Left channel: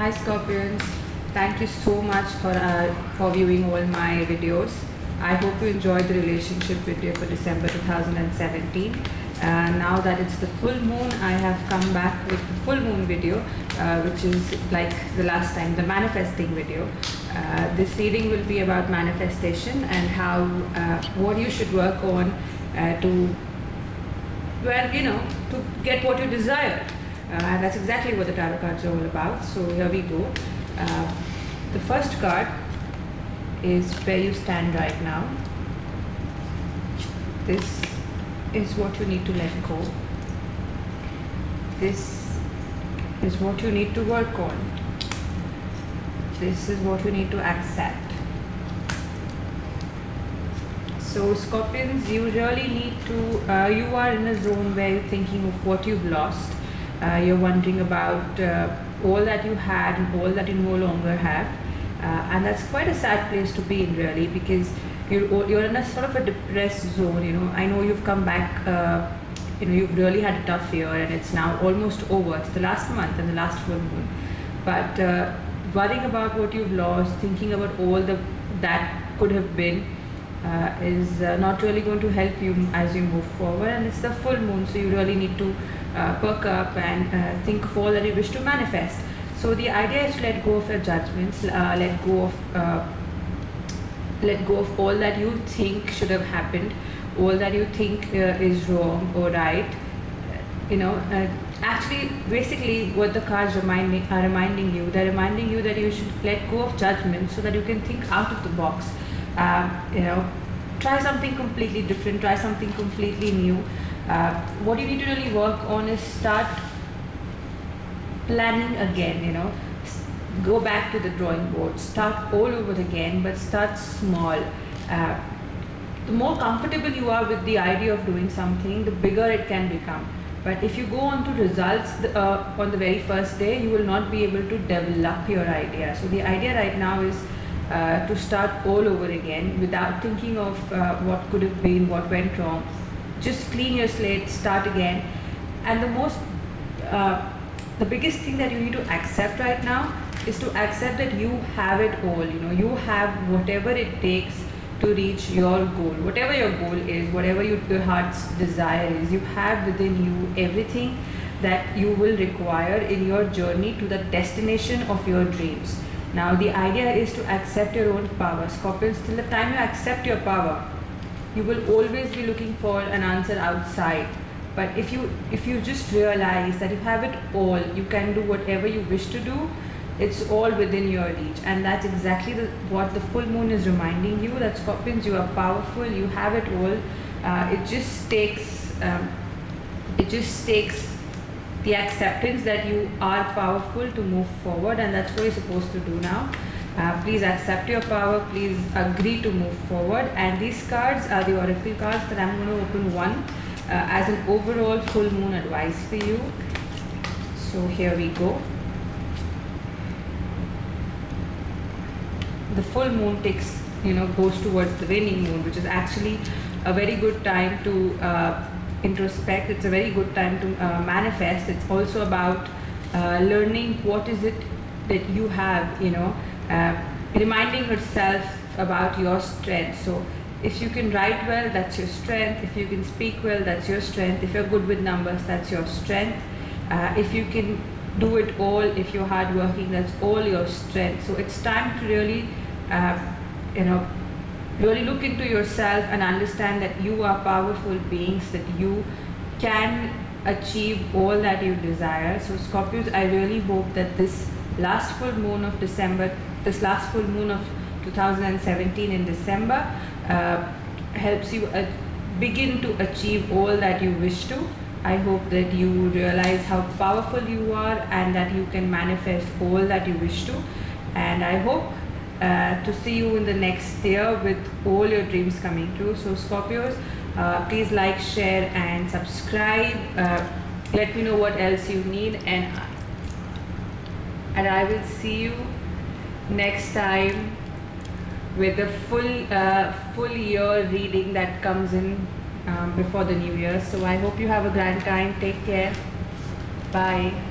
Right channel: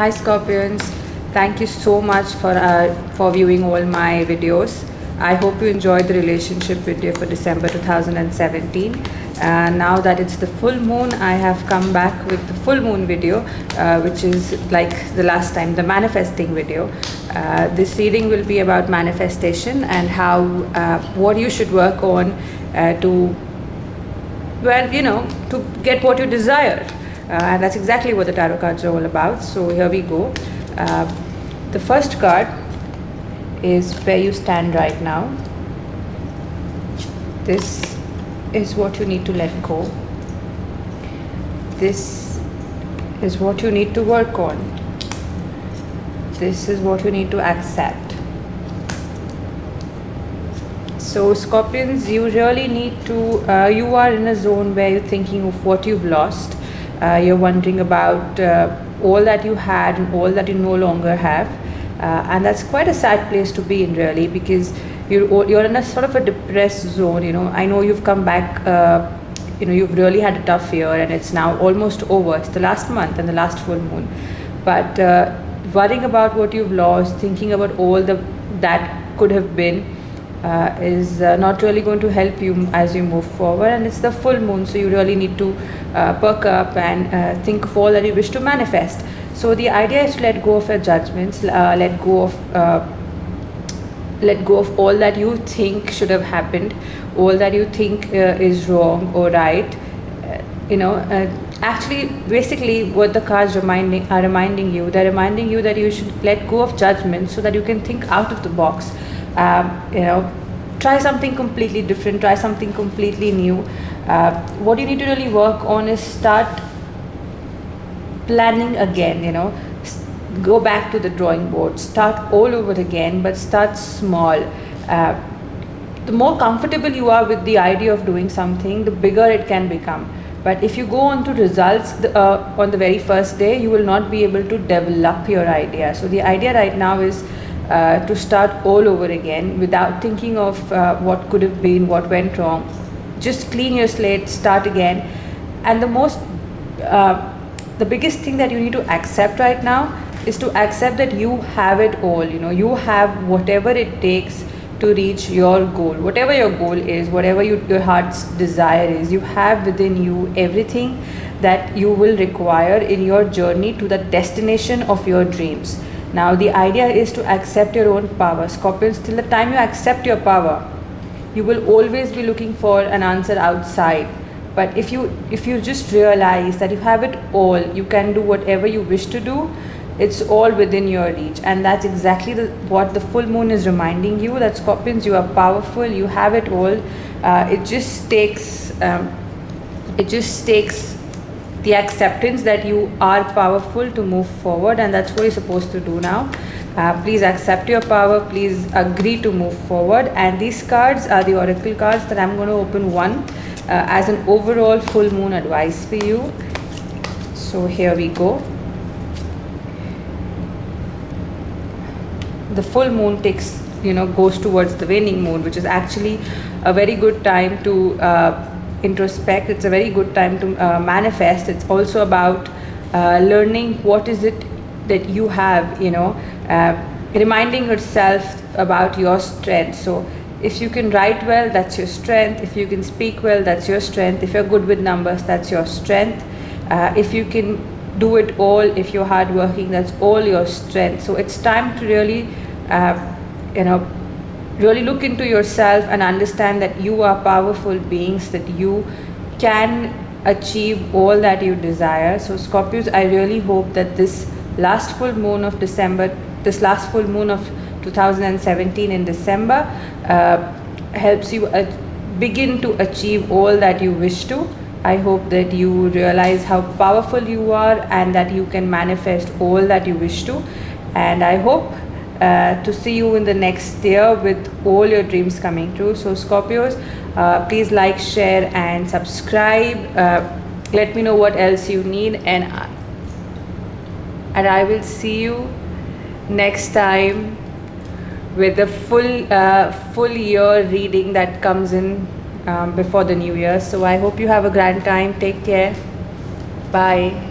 Hi Scorpions, thank you so much for viewing all my videos. I hope you enjoyed the relationship video for December 2017. Now that it's the full moon, I have come back with the full moon video, which is like the last time, the manifesting video. This reading will be about manifestation and how what you should work on to, well, to get what you desire. And that's exactly what the tarot cards are all about. So here we go. The first card is where you stand right now. This is what you need to let go. This is what you need to work on. This is what you need to accept. So Scorpions, you really need to, you are in a zone where you're thinking of what you've lost. You're wondering about all that you had and all that you no longer have. And that's quite a sad place to be in, really, because you're in a sort of a depressed zone. I know you've come back, you've really had a tough year and it's now almost over. It's the last month and the last full moon. But worrying about what you've lost, thinking about all that could have been, is not really going to help you as you move forward. And it's the full moon, so you really need to perk up and think of all that you wish to manifest. So the idea is to let go of your judgments, let go of all that you think should have happened, all that you think is wrong or right. Actually, basically, what the cards are reminding you, they're reminding you that you should let go of judgment so that you can think out of the box. Try something completely different, try something completely new. What you need to really work on is start planning again. Go back to the drawing board, start all over again, but start small. The more comfortable you are with the idea of doing something, the bigger it can become. But if you go on to results on the very first day, you will not be able to develop your idea. So the idea right now is to start all over again without thinking of what could have been, what went wrong. Just clean your slate, start again. And the biggest thing that you need to accept right now is to accept that you have it all. You have whatever it takes to reach your goal. Whatever your goal is, whatever your heart's desire is, you have within you everything that you will require in your journey to the destination of your dreams. Now the idea is to accept your own power. Scorpions, till the time you accept your power, you will always be looking for an answer outside. But if you just realize that you have it all, you can do whatever you wish to do, it's all within your reach. And that's exactly what the full moon is reminding you, that Scorpions, you are powerful, you have it all. It just takes the acceptance that you are powerful to move forward, and that's what you're supposed to do now. Please accept your power, please agree to move forward. And these cards are the oracle cards that I'm going to open one as an overall full moon advice for you. So here we go. The full moon goes towards the waning moon, which is actually a very good time to introspect. It's a very good time to manifest. It's also about learning what is it that you have, reminding yourself about your strength. So if you can write well, that's your strength. If you can speak well, that's your strength. If you're good with numbers, that's your strength. If you can do it all, if you're hardworking, that's all your strength. So it's time to really really look into yourself and understand that you are powerful beings, that you can achieve all that you desire. So Scorpios, I really hope that this last full moon of December, this last full moon of 2017 in December, helps you begin to achieve all that you wish to. I hope that you realize how powerful you are and that you can manifest all that you wish to. And I hope to see you in the next year with all your dreams coming true. So Scorpios, please like, share and subscribe. Let me know what else you need, and I will see you next time with the full year reading that comes in before the new year. So I hope you have a grand time. Take care. Bye.